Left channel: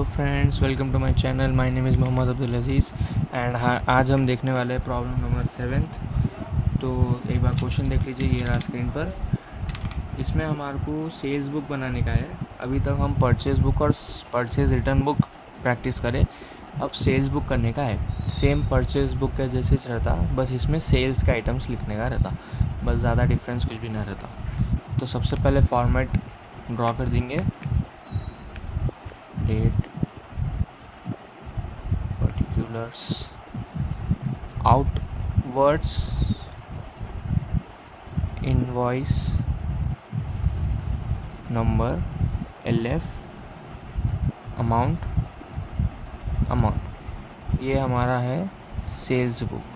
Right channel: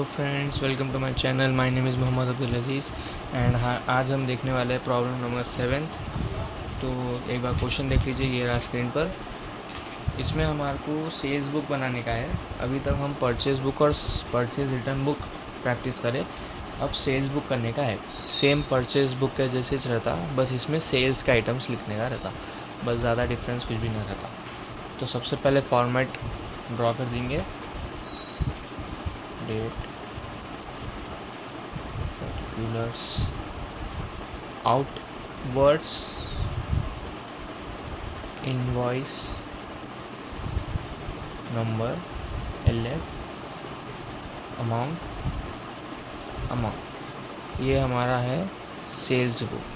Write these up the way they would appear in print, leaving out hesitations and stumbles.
Hello friends, welcome to my channel. My name is Mohammad Abdul Aziz and आज हम देखने वाले हैं प्रॉब्लम नंबर 7। तो एक बार क्वेश्चन देख लीजिए, ये रहा स्क्रीन पर। इसमें हमारे को सेल्स बुक बनाने का है। अभी तक हम परचेज बुक और परचेज रिटर्न बुक प्रैक्टिस करें, अब सेल्स बुक करने का है। सेम परचेज बुक का जैसे रहता, बस इसमें सेल्स के आइटम्स लिखने का रहता, बस ज़्यादा डिफरेंस कुछ भी नहीं रहता। तो सबसे पहले फॉर्मेट ड्रॉ कर देंगे, date, particulars, outwards, invoice number, LF, amount। ये हमारा है सेल्स बुक।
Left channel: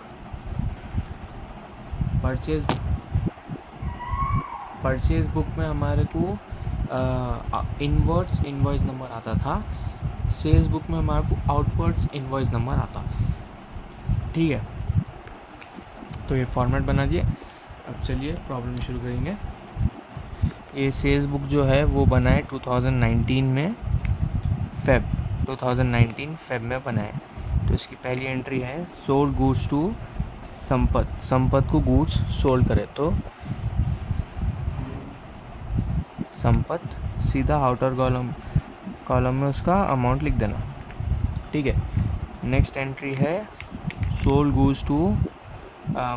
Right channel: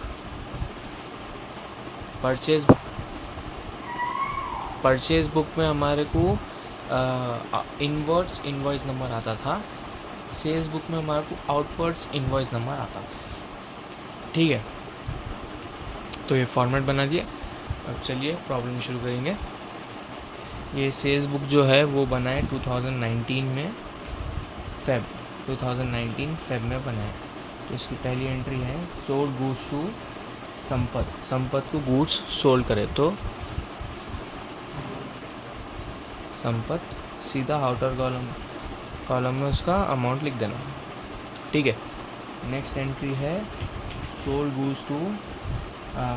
परचेज बुक में हमारे को इनवर्ड्स इनवॉइस नंबर आता था, सेल्स बुक में हमारे को आउटवर्ड्स इनवॉइस नंबर आता। ठीक है, तो ये फॉर्मेट बना दिया। अब चलिए प्रॉब्लम शुरू करेंगे। ये सेल्स बुक जो है वो बना है 2019 में, फेब 2019 फेब में बना है। तो इसकी पहली एंट्री है सोल्ड गूड्स टू संपत को गुड्स सोल्ड करे तो संपत, सीधा आउटर कॉलम में उसका अमाउंट लिख देना। ठीक है, नेक्स्ट एंट्री है सोल्ड गूड्स टू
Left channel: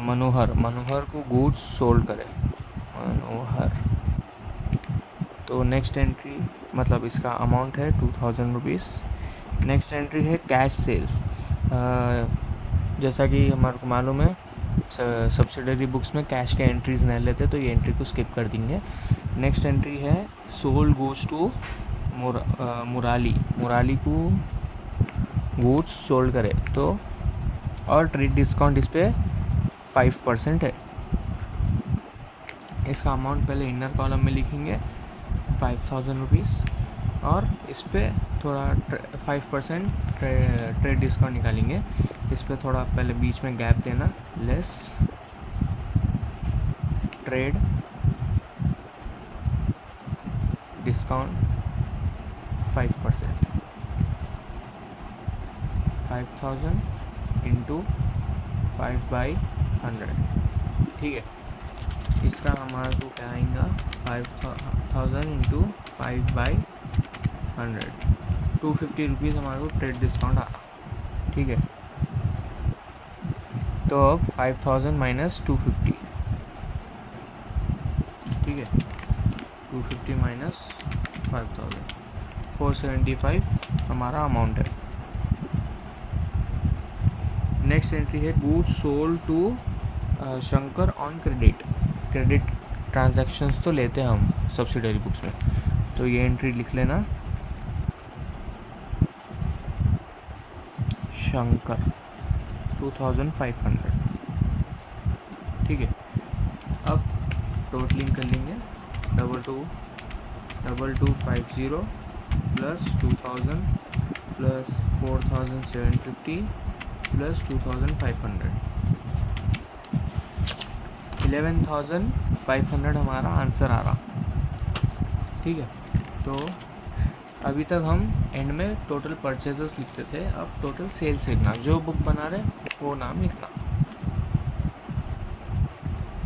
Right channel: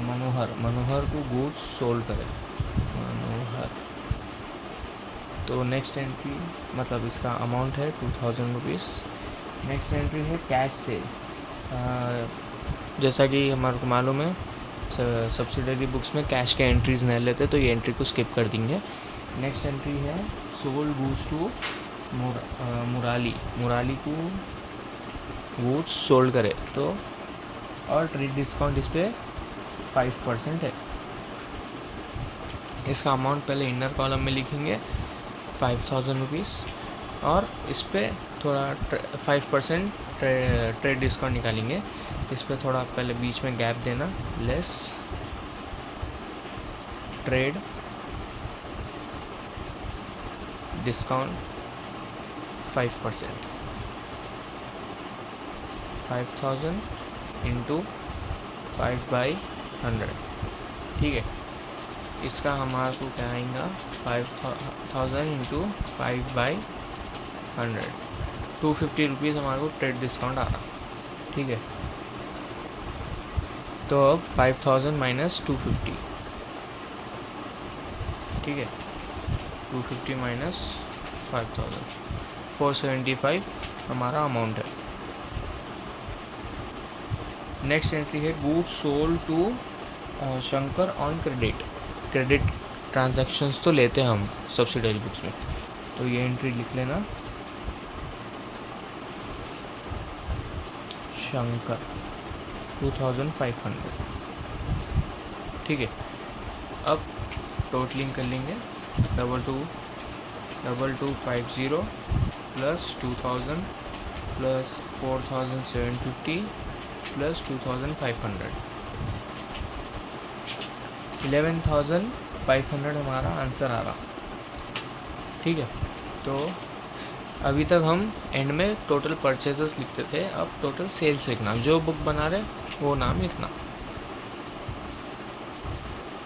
मनोहर को गुड्स सोल्ड करे, मनोहर। तो नेक्स्ट एंट्री मतलब इसका अमाउंट है 2000 रुपीज़। नेक्स्ट एंट्री है कैश सेल्स। जैसा कि हमारे को मालूम है सब्सिडरी बुक्स में कैश के एंट्रीज नहीं लेते, तो ये एंट्री को स्किप कर देंगे। नेक्स्ट एंट्री है सोल्ड गूड्स टू मुराली को गुड्स सोल्ड करे तो, और ट्रेड डिस्काउंट इस पर 5% है। इसका अमाउंट पहले इनर कॉलम में लिखेंगे 5000 रुपीज़, और इस पर थोड़ा 5% ट्रेड डिस्काउंट निकालेंगे। इस पर थोड़ा पहले बीच में गैप देना, लेस ट्रेड डिस्काउंट 5%, 5000 इंटू 5/100। ठीक है, इसका हमारे को क्या आएगा 5000 इंटू 5/100, 250 रुपीज़ हमारे को ट्रेड डिस्काउंट आ रहा। ठीक है, तो अब 5000 माइनस 250। ठीक है, 250 माइनस 5000, 475 हमारा अमाउंट है। नेक्स्ट एंट्री है goods sold to Shankar on credit transactions तो लेते हैं हम सब्सिडरी बुक्स में, तो ये एंट्री लिख लेना, शंकर 2500। ठीक है, अब टोटलिंग कर लेंगे, 2250 प्लस 2000 प्लस 4750 प्लस 2500, 11500 हमारा आंसर आ रहा। ठीक है, तो अभी तक हम एंड में टोटल परचेजेस लिखते थे, अब टोटल सेल्स लिखना, जो बुक बना रहे वो नाम लिखना,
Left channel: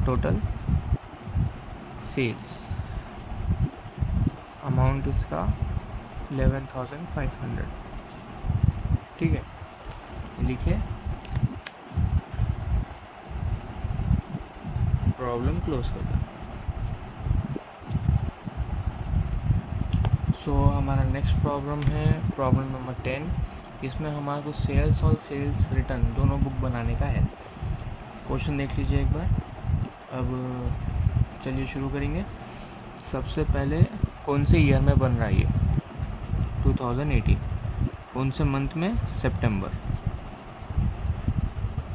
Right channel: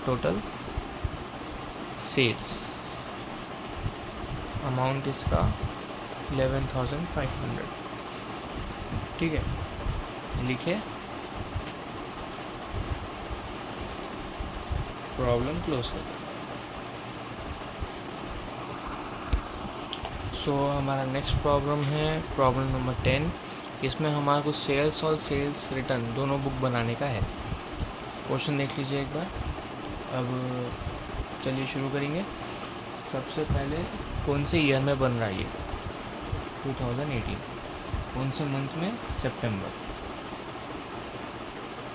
टोटल सेल्स, अमाउंट इसका 11500। ठीक है, लिखे, प्रॉब्लम क्लोज कर दो। सो हमारा नेक्स्ट प्रॉब्लम है प्रॉब्लम नंबर 10। इसमें हमारे को सेल्स और सेल्स रिटर्न दोनों बुक बनाने का है। क्वेश्चन देख लीजिए एक बार। अब चलिए शुरू करेंगे। सबसे पहले कौन से ईयर में बन रहा है ये, 2018। कौन से मंथ में, सितंबर।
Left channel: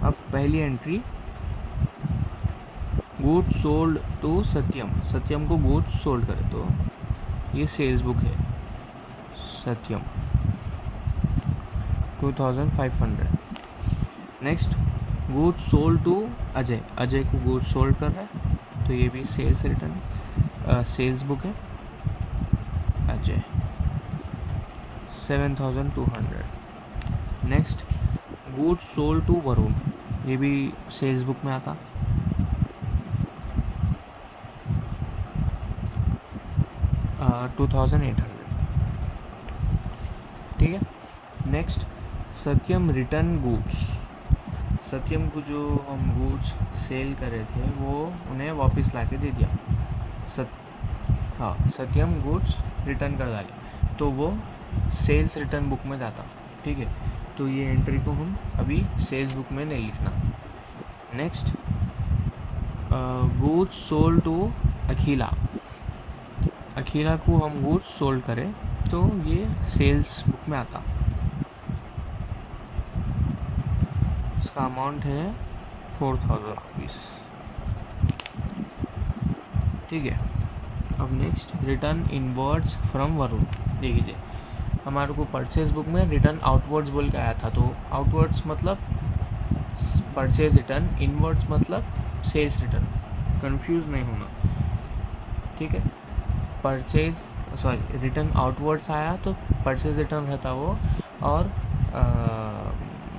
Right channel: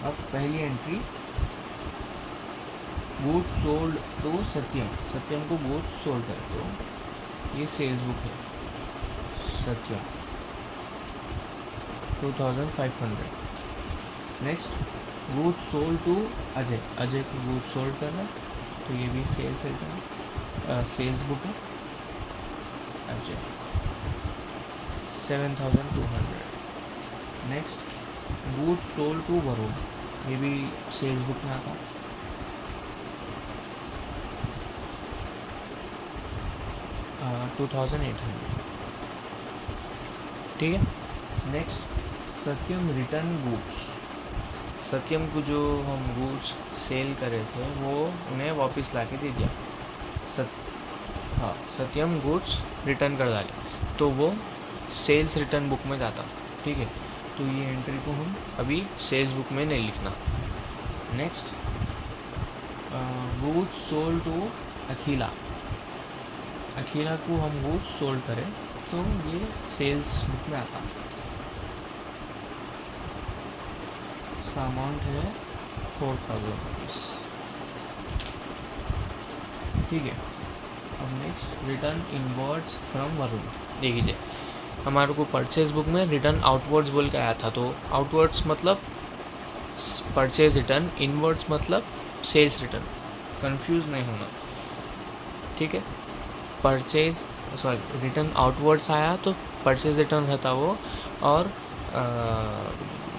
अब पहली entry goods sold to Satyam को गुड्स सोल्ड करे तो ये सेल्स बुक है, Satyam 2500। Next goods sold to Ajay को गुड्स सोल्ड कर रहा है तो ये भी सेल्स रिटर्न सेल्स बुक है, Ajay 7,200। Next goods sold to Varun, ये भी सेल्स बुक में आता, 2,800। ठीक है। Next Satyam return goods, Satyam को जो हम गुड्स सेल करे थे वो उन्हें वापस ला के दे दिया। सत्यम गुड्स रिटर्न कर डाले तो वो सेल्स रिटर्न बुक में जाता। ठीक है, तो ये एंट्री को हम अभी सेल्स बुक में नहीं लिखना। नेक्स्ट गुड्स सोल्ड टू अखिला, अखिला को हम गुड्स सोल्ड करें तो ये सेल्स बुक में आता। इसका अमाउंट है 4,000 रुपीज़। ठीक है। अब next return inwards from Varun, देखिए हमारे को परचेज बुक में रिटर्न आउटवर्ड्स बोल के आया था, तो आउटवर्ड्स मतलब परचेज रिटर्न, इनवर्ड्स मतलब सेल्स रिटर्न, कंफ्यूज नहीं होना। ठीक है, रिटर्न आउटवर्ड्स आया तो परचेज रिटर्न रहता वो, और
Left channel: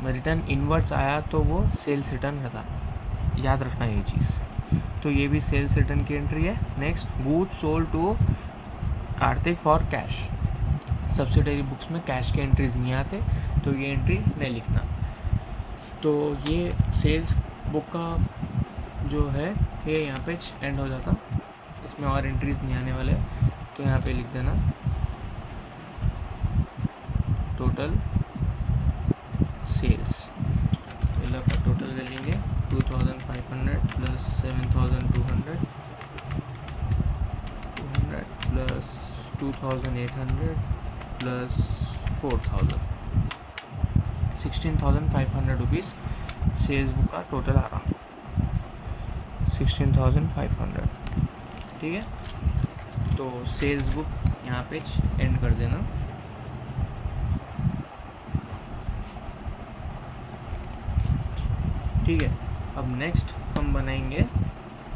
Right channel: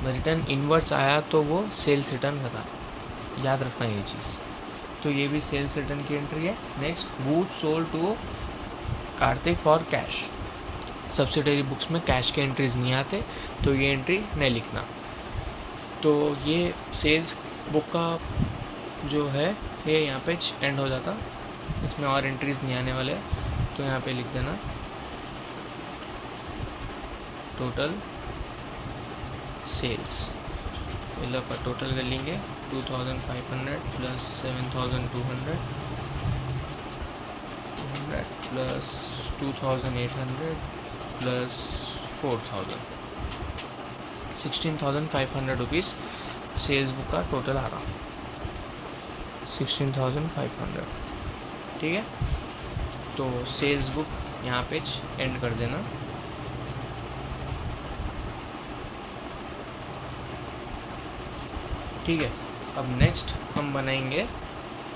रिटर्न इनवर्ड्स आया तो वो सेल्स रिटर्न रहता, याद रखना ये चीज़। तो ये भी सेल्स रिटर्न की एंट्री है। Next goods sold to Kartik for cash, subsidiary books में कैश के एंट्रीज नहीं आते तो ये एंट्री नहीं लिखना। तो ये सेल्स बुक का जो है ये यहाँ पे एंड हो जाता, इसमें और एंट्रीज नहीं आने वाले, तो यहाँ पे लिख देना टोटल सेल्स। पहला का टोटल कर लेंगे 2,500 plus 7,200 plus 2,800 plus 4,000, 16,500 rupees sales book का टोटल आ रहा, 16,500। ठीक है, तो सेल्स बुक यहाँ पे एंड कर देना। ठीक है, अब नेक्स्ट हम बनाएंगे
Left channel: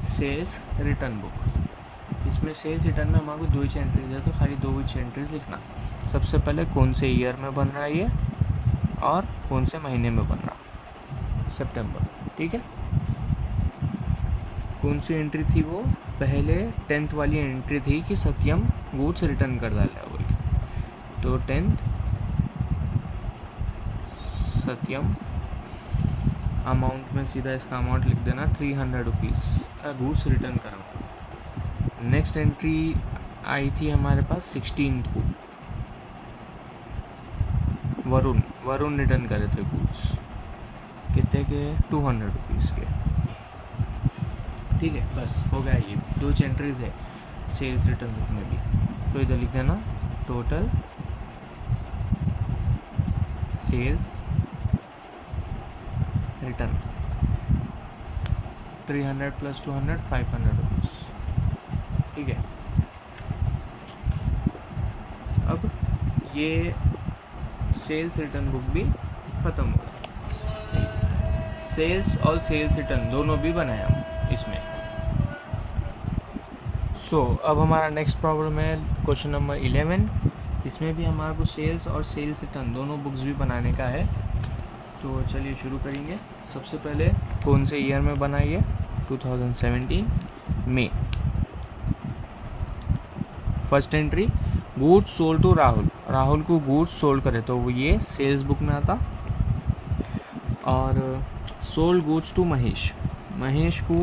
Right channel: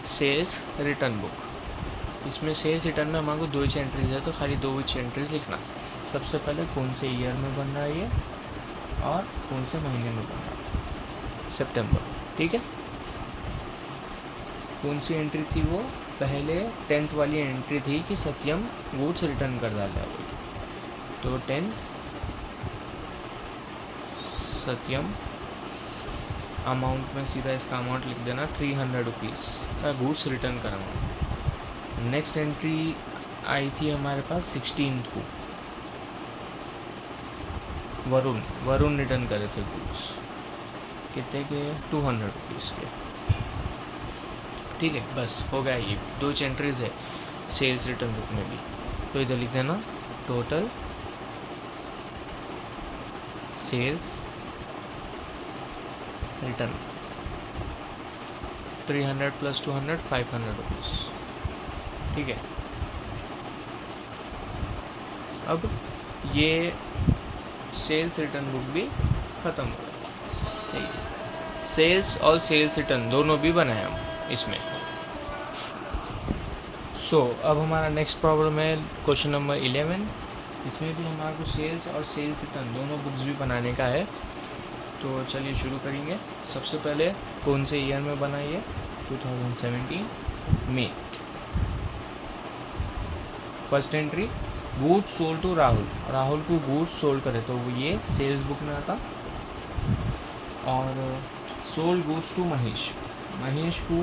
सेल्स रिटर्न बुक। इसमें सेल्स रिटर्न में हमारे को 2 ही एंट्रीज है, तो खाली 2 ही एंट्रीज लिखना। सबसे पहले कौन से ईयर में बन रहा है ये, और कौन से महीने में बन रहा है, सितंबर। ठीक है, कौन सी एंट्री थी वो, पहले 10th वाली एंट्री थी कि सत्यम गुड्स रिटर्न कर डाला बोल, तो 10th सत्यम, अमाउंट में सीधा इसका अमाउंट लिख देना 300 रुपीज़ का गुड्स रिटर्न कराऊंगा। नेक्स्ट एंट्री आई थी हमारे पास 16th को, वरुण रिटर्न करे थे गुड्स, कितने के, 200 रुपीज़ के। ठीक है, बस हो गया, ये 2 एंट्रीज है सेल्स रिटर्न बुक में भी। तो इधर लिख देना total sales return 300 plus 200 500 rupees. ठीक है, अब ये सेल्स रिटर्न बुक भी ख़त्म हो गया। सेल्स और सेल्स रिटर्न दोनों भी बनाए हम इसमें। अब हमारा नेक्स्ट प्रॉब्लम है क्वेश्चन नंबर 11। इसमें भी हमारे को सेल्स और सेल्स रिटर्न दोनों बुक्स भी बनाने का है। तो चलिए शुरू करेंगे। सबसे पहले कौन से ईयर में बनाइए, 2017 में। First entry goods sold to Rahul को गुड्स सोल्ड करे तो वो ये सेल्स बुक में आता, और सोल्ड गुड्स टू महेश को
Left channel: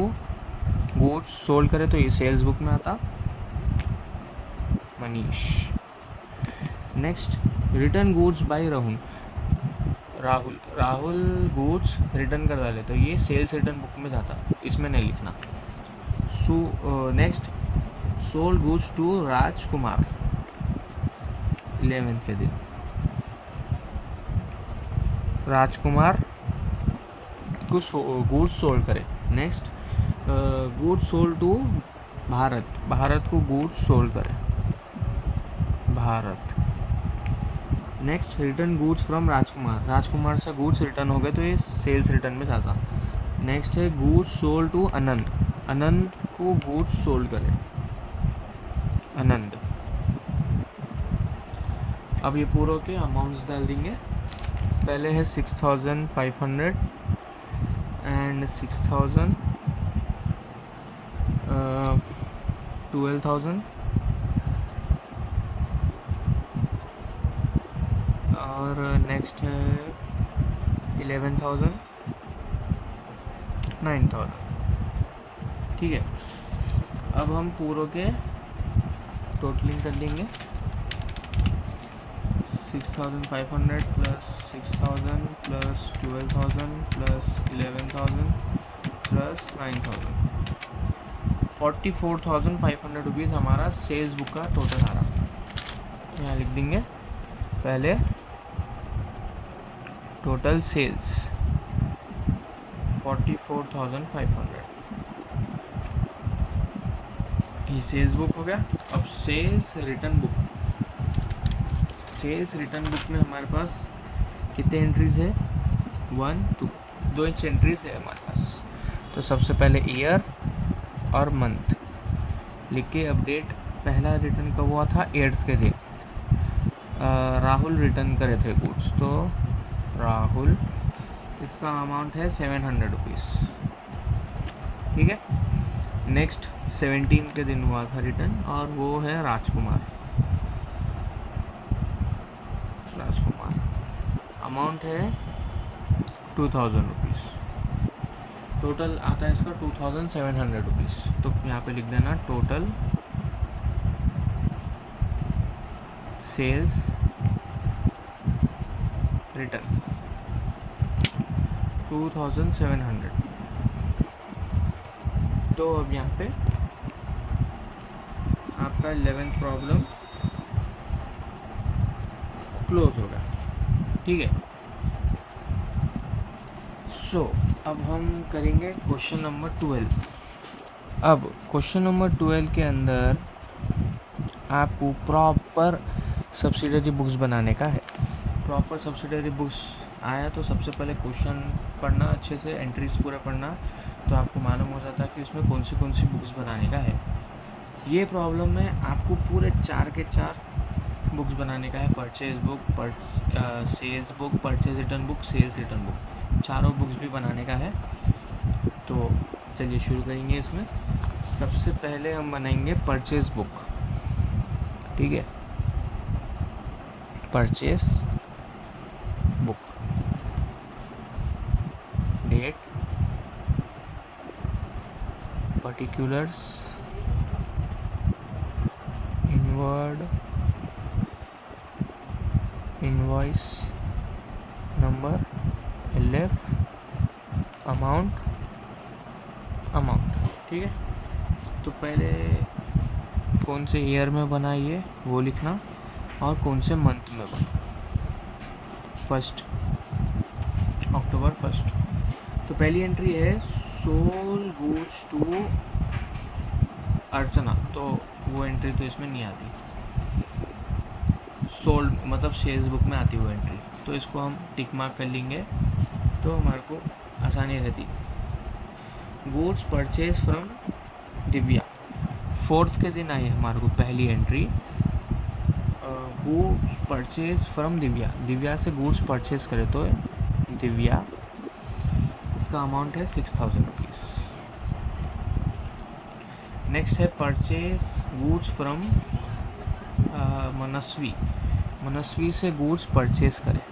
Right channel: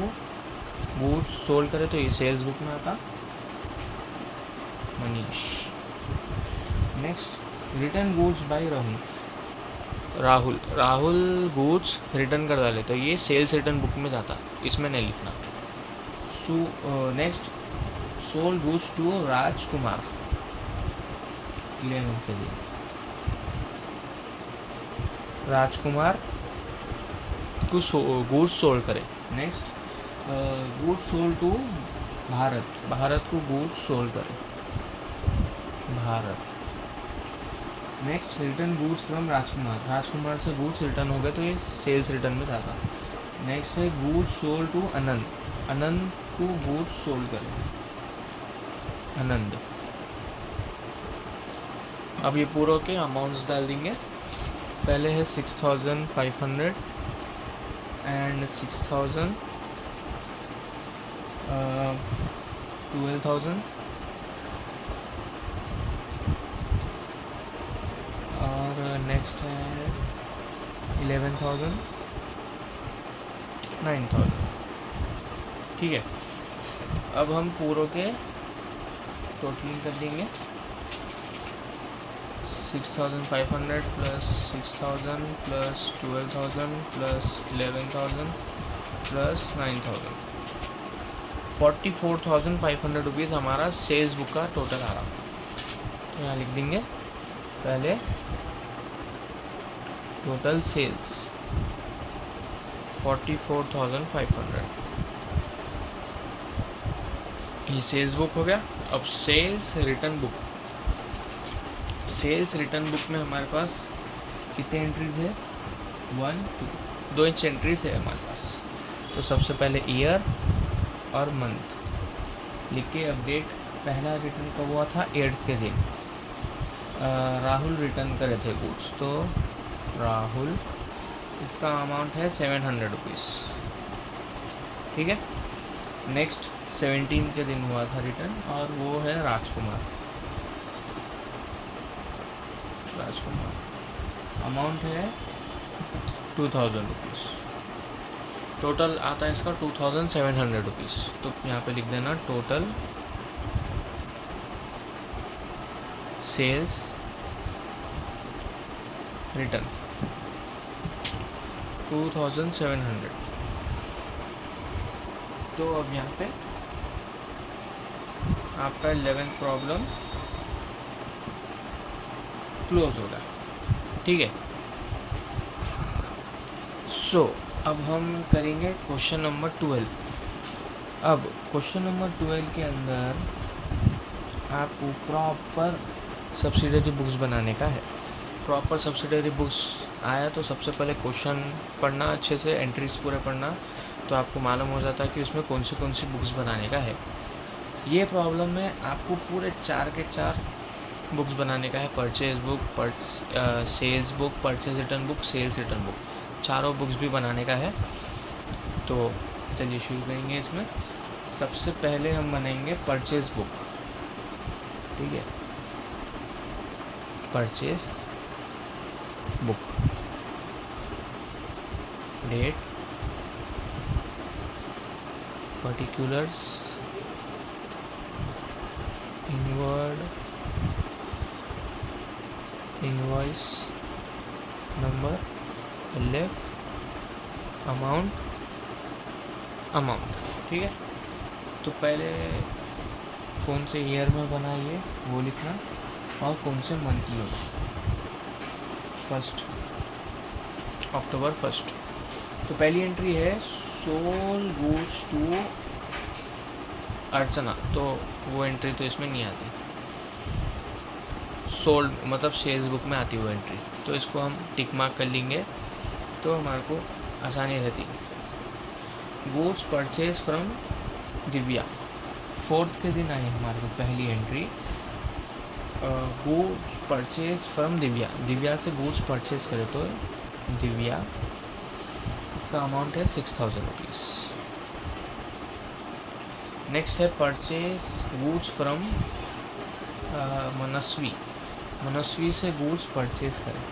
गुड्स सोल्ड करे तो ये सेल्स बुक में आता, Manish. Next return goods by Rahul goods return कर डाले तो ये सेल्स रिटर्न बुक में जाता, इसमें नहीं लिखना। Next sold goods to Rajkumar 11th के दिन, राजकुमार को गुड्स सोल्ड करे। Next goods sold to Bharat को गुड्स सोल्ड करे, Bharat. Next return goods from Rajkumar से गुड्स रिटर्न हो गए तो ये सेल्स रिटर्न में जाता। नेक्स्ट है गुड्स सोल्ड टू आनंद को गुड्स सोल्ड करे, आनंद। अब ये पूरों के अमाउंट्स डाल देंगे। पहले है 6,500 एंड 6,000, 12,000 और नेक्स्ट है 11,000, 9,000। ठीक है, अब हम पूरों के टोटलिंग कर लेंगे। 6,500 plus 6,000 plus 12,000 plus 11,000 plus 9,000, 44,500 rupees हमारा सेल्स बुक का टोटल आ रहा है। तो यहाँ लिख देंगे पहले टोटल सेल्स 44,500। ये सेल्स बुक हो गया। अब sales return book. Sales return book में हमारे पास कितने एंट्रीज है? 1 2 2 इंच एंट्रीज है हमारे पास। तो सबसे पहले ईयर और मंथ लिख के अपडेट। पहला रिटर्न कब हुआ था? 8th के दिन राहुल रिटर्न करे थे गुड्स। तो राहुल, इसका अमाउंट है 700 रुपीज़। ठीक है। नेक्स्ट 17 के दिन हुआ था रिटर्न और वो है राजकुमार। अमाउंट है 2,000 रुपीज़। टोटल आता है इसका 2,700 रुपीज़। तो यहाँ पे लिख देना टोटल सेल्स रिटर्न 2,700। तो अब यहाँ पे आपका 11th प्रॉब्लम क्लोज होगा। ठीक है। सो अब हम करेंगे क्वेश्चन नंबर 12। अब क्वेश्चन नंबर 12 के अंदर आपको प्रॉपर सब्सिडरी बुक्स बनाने का है। प्रॉपर सब्सिडरी बुक्स आया तो सबसे पहले क्वेश्चन पढ़ना, अच्छे से एंट्रीज पूरे पढ़ना, तो आपको मालूम हो जाता है कि उसमें कौन सी बुक्स बनाने का है। ये प्रॉब्लम में आपको पूरे 4 के 4 बुक्स बनाने का है। Purchase book, sales book, purchase return book, sales return book, चारों बुक्स भी बनाने का है। तो चलिए शुरू करेंगे। इसमें सबसे पहले हम बनाएंगे परचेज बुक। ठीक है, purchase book, date, particulars, inward, invoice number, LF, amount. ठीक है। तो पहले कौन से ईयर में बना ये वो लिखना और कौन से मंथ में बना। 1 अक्टूबर 1। तो पहली एंट्री है सोल गुड्स टू अर्चना। तो वो एंट्री तो इसमें नहीं आती। सोल्ड मतलब सेल्स बुक में आती वो एंट्री, तो इसको हम टिक मार्क कर लेंगे तो हमारे को आसानी रहती। Goods purchase from Divya, 4th के दिन आई हमारे को पहली entry. Goods purchase from Divya, Divya से गुड्स परचेज करे तो दिव्या, इसका अमाउंट है 6,000 रुपीज़। नेक्स्ट है परचेज गुड्स फ्रॉम मनस्वी, मनस्वी से गुड्स परचेज करें।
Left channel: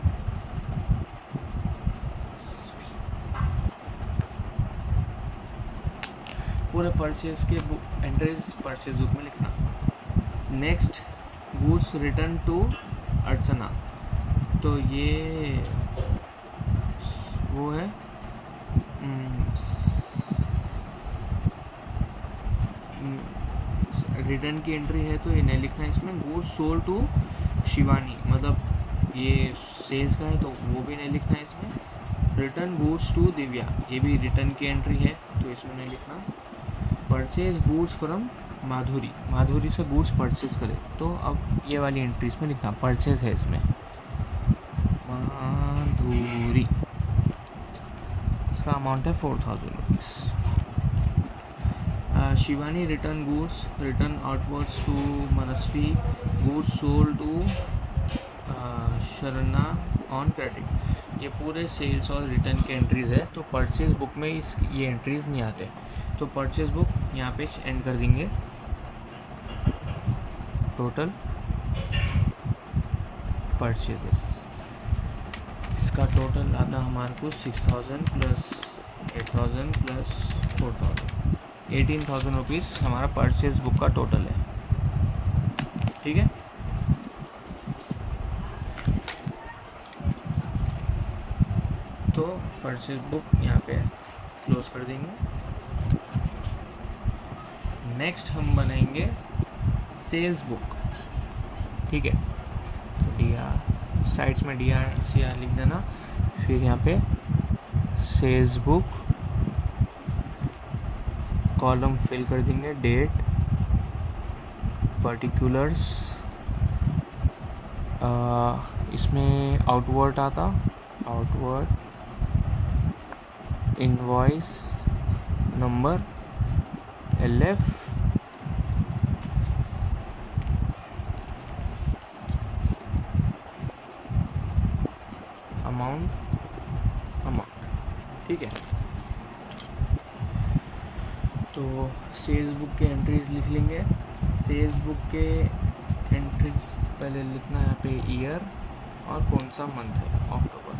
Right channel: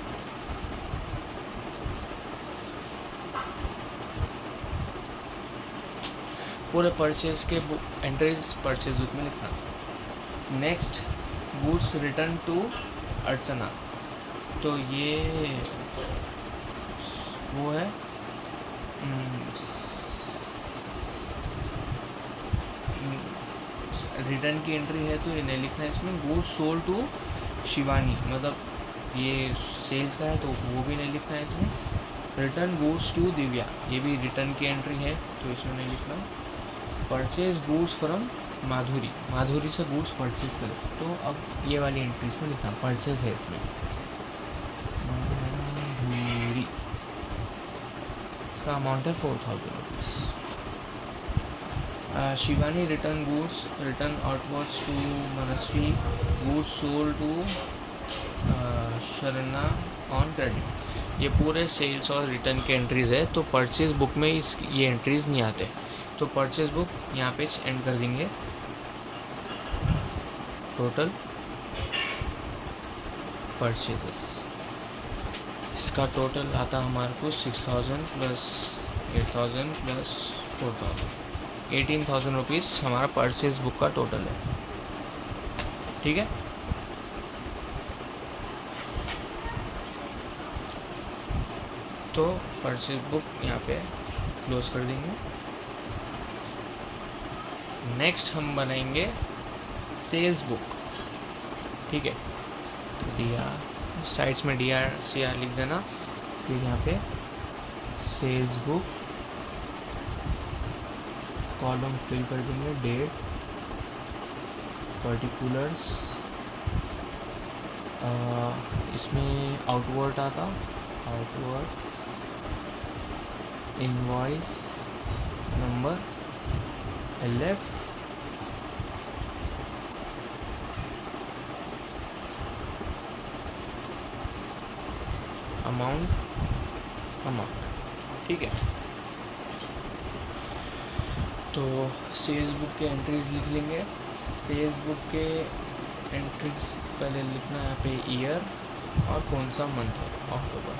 पूरे परचेज के एंट्रीज परचेज बुक में लिखना। नेक्स्ट गुड्स रिटर्न टू अर्चना, तो ये वो है रिटर्न की एंट्री है तो इन्हें लिखना है इसमें। गुड्स सोल्ड टू शिवानी, मतलब ये सेल्स का है तो वो भी नहीं लिखना है इसमें। रिटर्न गुड्स टू दिव्या, ये भी रिटर्न की एंट्री है तो इसमें नहीं लिखना। परचेज गुड्स फ्रॉम माधुरी, माधुरी से गुड्स परचेज करें तो अब ये वाली एंट्री इसमें लिखना, परचेज है इसमें माधुरी, इसका अमाउंट है 4,000 rupees. Shivani return goods, return outwards to Manasvi, goods sold to Sharana on credit, ये पूरे सेल्स और रिटर्न के एंट्रीज़ है। तो परचेज बुक में ये एंट्रीज़ नहीं आते, तो परचेज बुक यहाँ पे एंड कर देंगे। टोटल परचेजेस, इसका टोटल आता हमारे को 6000 प्लस 8000 प्लस 4000, 18,000 रुपीज़ हमारा परचेज बुक का टोटल है। ठीक है, तो परचेज बुक यहाँ पे क्लोज कर देंगे। नेक्स्ट हम बनाएंगे सेल्स बुक। ठीक है, तो DR साइड्स में DRCR लिख देना, फिर यहाँ पे सेल्स बुक, कॉलम फिल कर देंगे, डेट, पर्टिकुलर्स, इसमें आउटवर्ड आता, outward, invoice number, LF, amount. ठीक है, तो सेल्स बुक के एंट्रीज लिख लेंगे। सेल्स बुक के एंट्रीज पहले लिखना है यहाँ पे ईयर और कौन सा मंथ है, अक्टूबर।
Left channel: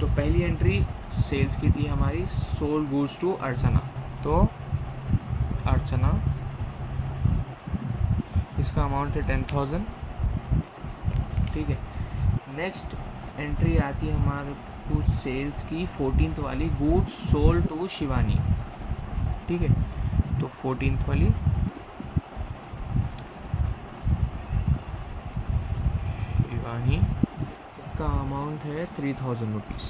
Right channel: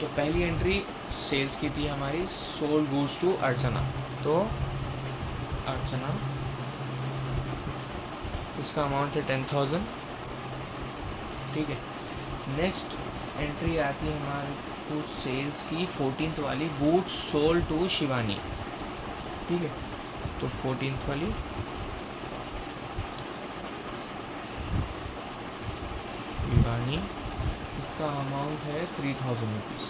तो पहली एंट्री सेल्स की थी हमारी, सोल्ड गुड्स टू अर्चना, तो अर्चना, इसका अमाउंट है 10,000। ठीक है, नेक्स्ट एंट्री आती है हमारे को सेल्स की 14th वाली, गुड्स सोल्ड टू शिवानी। ठीक है, तो 14th वाली शिवानी, इसका अमाउंट है 3000 रुपीज़।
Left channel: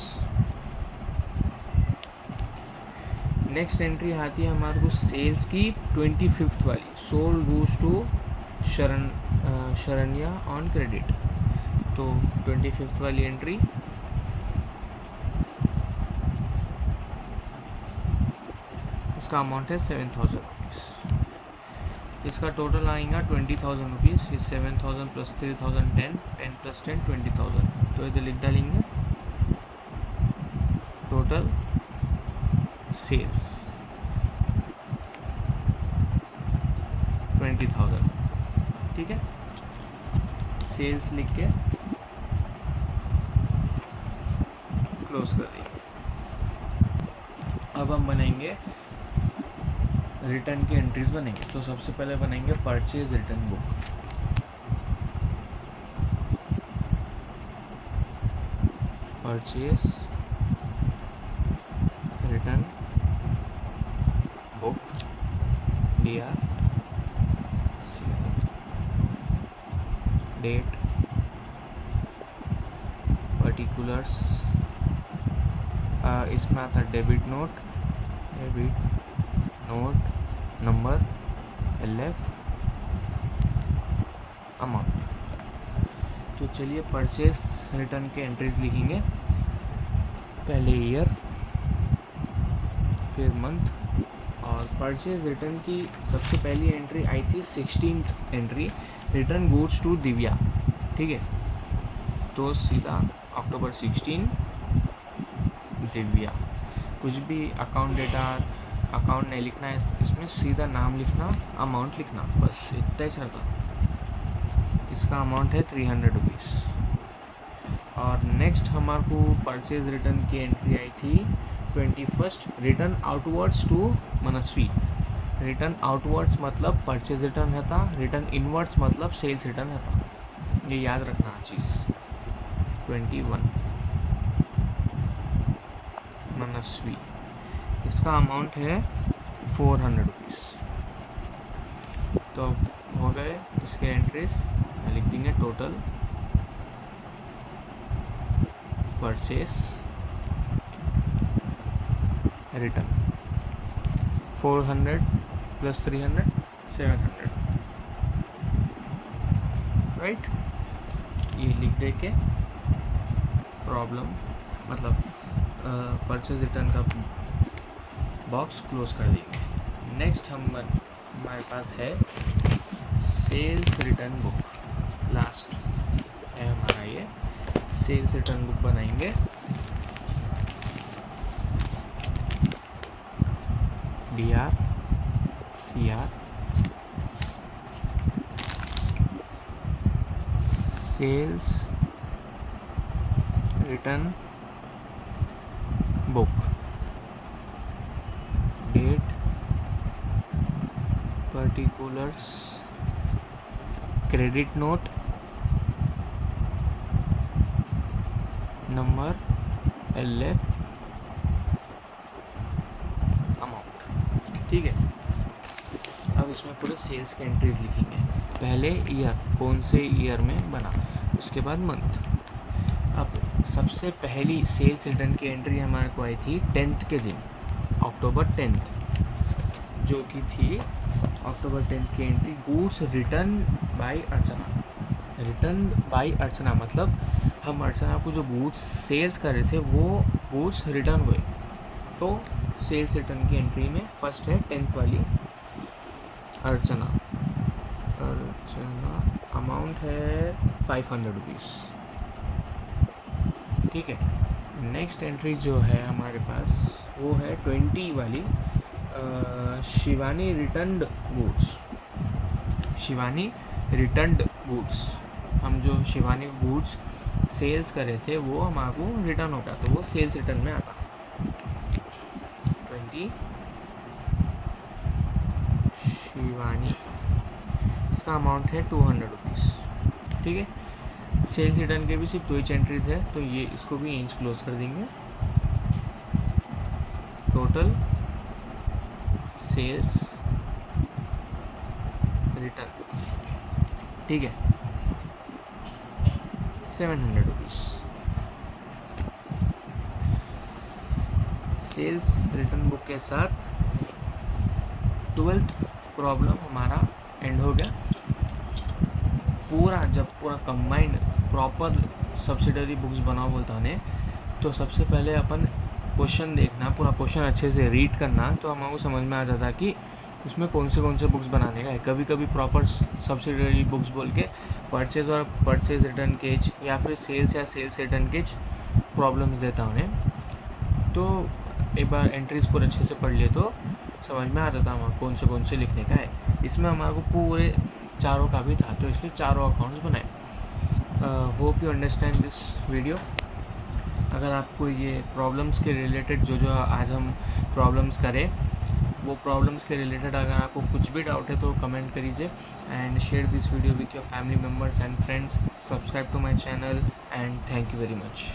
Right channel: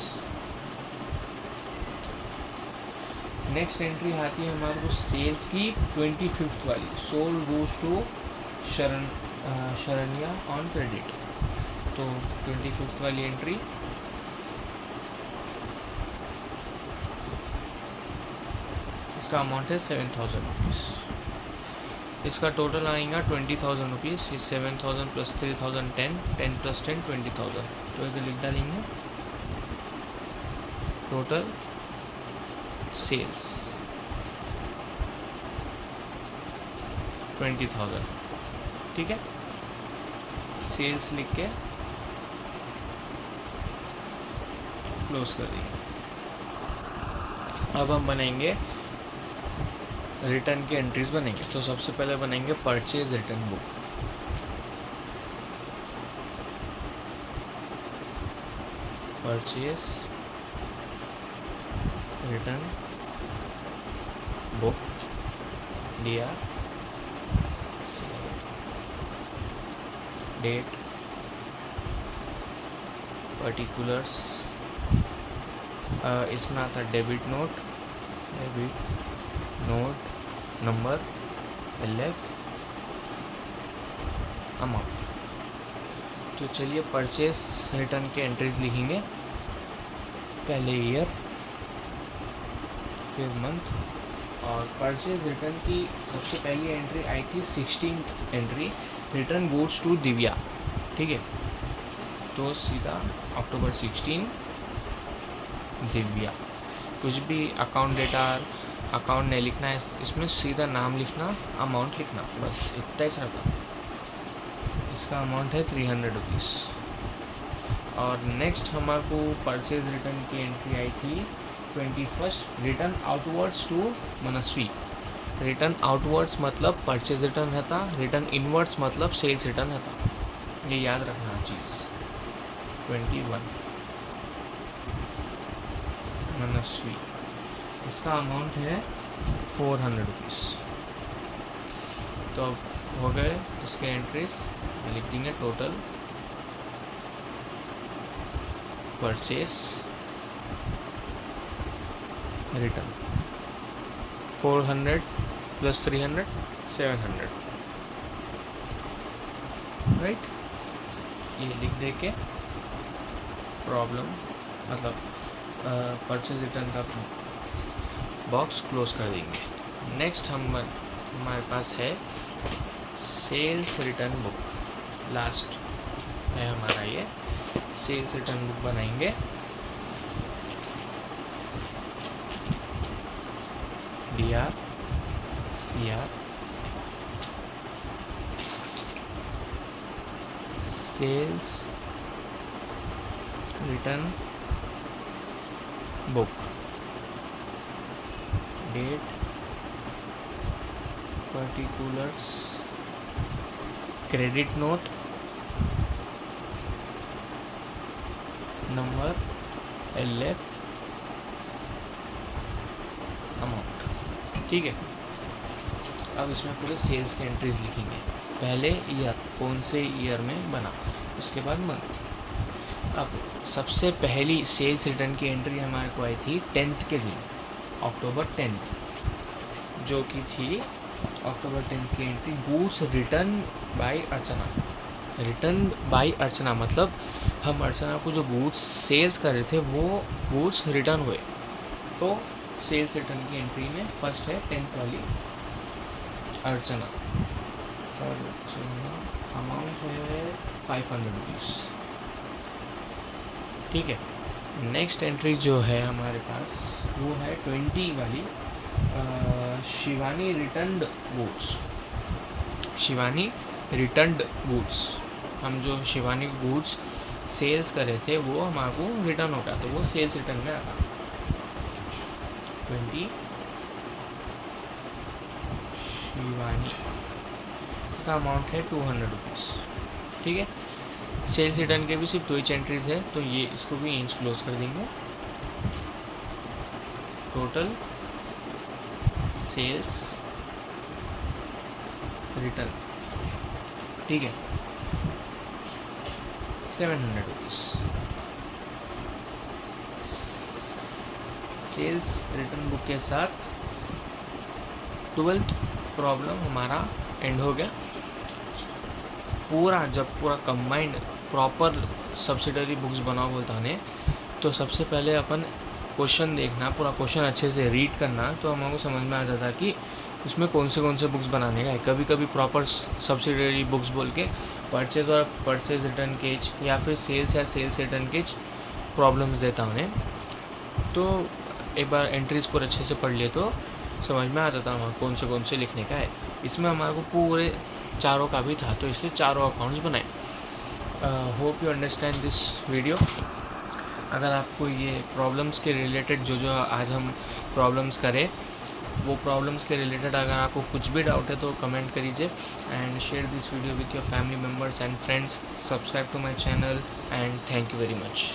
नेक्स्ट एंट्री आती है हमारे को सेल्स की 25th वाली, sold goods to Sharanya on credit, तो 25th वाली एंट्री, इसका अमाउंट है 7,000 रुपीज़। इसका टोटल आएगा 20,000 रुपीज़। ये 7,000 प्लस 3,000 10 प्लस 10 20,000, तो इधर लिख डालेंगे टोटल सेल्स 20,000। ठीक है, सेल्स लिख के क्लोज कर देंगे। अब हम बनाएंगे रिटर्न की एंट्रीज बनेंगे। तो सबसे पहले बनाएंगे purchase return book. Purchase return book, DR, date, particulars, इसमें आता debit note number, LF, amount. तो चलिए परचेस रिटर्न के एंट्रीज लिखेंगे। पहले ईयर, फिर मंथ, और परचेज रिटर्न की सबसे पहली एंट्री आई थी 16th entry, return goods to Divya. ठीक है, तो सीधा अक्टूबर 16 दिव्या, कुछ भी अकाउंट डेटा अकाउंट नहीं लिखना है इसमें, सीधा नाम लिखना, अमाउंट लिखना, बस इतना ही सरता। इसका अमाउंट है 300 रुपीज़। और नेक्स्ट हमारे को परचेज रिटर्न की एंट्री आई थी 21st, return outwards to Manasvi. Return outwards मतलब परचेज रिटर्न रहता, रिटर्न इनवर्ड्स मतलब सेल्स रिटर्न रहता, ये याद रखना चीज़। 21 मनस्वी, इसका अमाउंट है 400 रुपीज़। तो हो गए इसके एंट्रीज, लिख देंगे total purchase return 400 plus 300 700, right. ये लिख दे के प्रॉब्लम मतलब परचेज रिटर्न का बॉक्स क्लोज कर देंगे। नेक्स्ट हमारे पास है सेल्स रिटर्न बुक, लास्ट है हमारा ये सेल्स रिटर्न बुक बनाएंगे। DR CR sales return book, date, particulars, credit note, number, LF, amount. ठीक है, अब इसमें पूरे सेल्स के एंट्रीज लिखेंगे। पहले ईयर, कौन से ईयर में बना, उसके बाद मंथ। अब सबसे पहली सेल्स रिटर्न की एंट्री हमारे को आई थी 10th के दिन, अक्टूबर 10th, जो कि थी अक्टूबर 10th की एंट्री, गुड्स रिटर्न बाय अर्चना। रिटर्न बाय अर्चना मतलब हम अर्चना को जो गुड्स सेल्स कर रहे थे वो गुड्स रिटर्न हुए। तो सेल्स रिटर्न की एंट्री में फर्स्ट है 10th वाली, अर्चना। अमाउंट है 500 रुपीज़। ठीक है, नेक्स्ट एंट्री जो है हमारे पास वो है 20 वाली, Shivani returned goods. Shivani returned goods, हम जो शिवानी गुड्स सेल्स कर रहे थे वो हमारे को रिटर्न हो गया, तो वो सेल्स रिटर्न में आता। 20 शिवानी, इसका अमाउंट है 200 रुपीज़। ठीक है, सेल्स रिटर्न के भी सिर्फ 2 ही एंट्रीज है, तो ये इसको भी यहीं क्लोज कर देंगे। टोटल सेल्स रिटर्न, ठीक है, 700 रुपीज़। सेल्स रिटर्न बुक के साथ 12th प्रॉब्लम हमारा एंड हो गया। पूरा जब पूरा कंबाइंड प्रॉपर सब्सिडरी बुक्स बनाओ बोलता है तो सबसे पहले अपन क्वेश्चन देखना, पूरा क्वेश्चन अच्छे से रीड करना, तो हमको समझ में आ जाता कि उसमें कौन से बुक्स बनाने का है। कभी कभी प्रॉपर सब्सिडरी बुक्स बोल के परचेज और परचेज रिटर्न केज या फिर सेल्स या सेल्स रिटर्न केज प्रॉब्लम्स देता उन्हें, तो एक बार एंट्रीज पूरे अच्छे से पढ़ लिए तो समझ में आ जाता हमारा कौन से लिखने का है। इसमें हमारे को पूरे चारों का भी था, तो इसलिए चारों अकाउंट्स बनाए। Hope you understand this video. अगर आपको ये प्रॉब्लम्स के रिलेटेड जो आज हम प्रॉब्लम्स करें वो प्रॉब्लम्स के रिलेटेड अगर आपको कुछ भी डाउट है तो कमेंट करिए and share this video with your family members and friends. Subscribe to my channel and thank you very much.